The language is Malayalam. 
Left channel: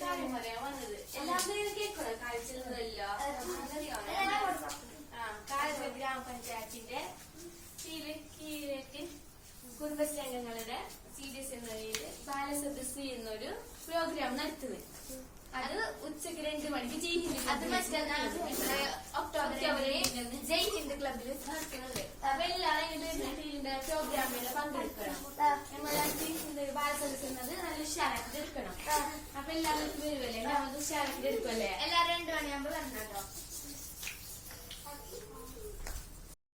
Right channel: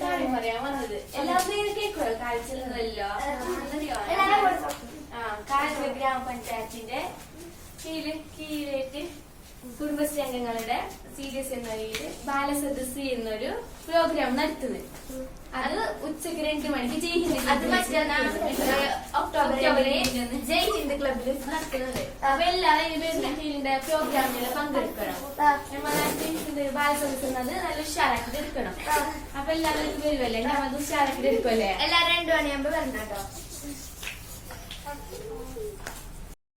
കാര്യം പറയാൻ വന്നത് എല്ലാവരും കേൾക്കുമല്ലോ കാഴ്ചകളല്ലോ കാഴ്ച ഗ്രാമപഞ്ചായത്തിന്റെ കീഴിലേക്ക് കുടുംബശ്രീ അംഗങ്ങളുടെ സീരിയസ് എന്ന രീതിയിൽ ബാലസദസ് എന്നൊരു പ്രോഗ്രാം നടത്തുന്നത്. അത് ഉച്ചക്ക് 2 മണിക്ക് ജയ് ഹിന്ദ് ഒക്ടോബർ ജയ് ഹിന്ദ് ക്ലബിൽ നടത്തുന്നത്. അപ്പൊ എല്ലാവരും ഇതിന്റെ പ്രോഗ്രാമിൽ പങ്കെടുക്കണം. നമ്മളെ ബാലസദസ് എന്നത് നല്ല ഉഷാറാക്കി എടുക്കണം. അപ്പൊ എല്ലാവരും വരുമല്ലേ, നമ്മൾ ഉഷാറാക്കി എടുക്കുമല്ലേ? എല്ലാവരും 2 മണിയാകുമ്പോ വരണം കേട്ടോ.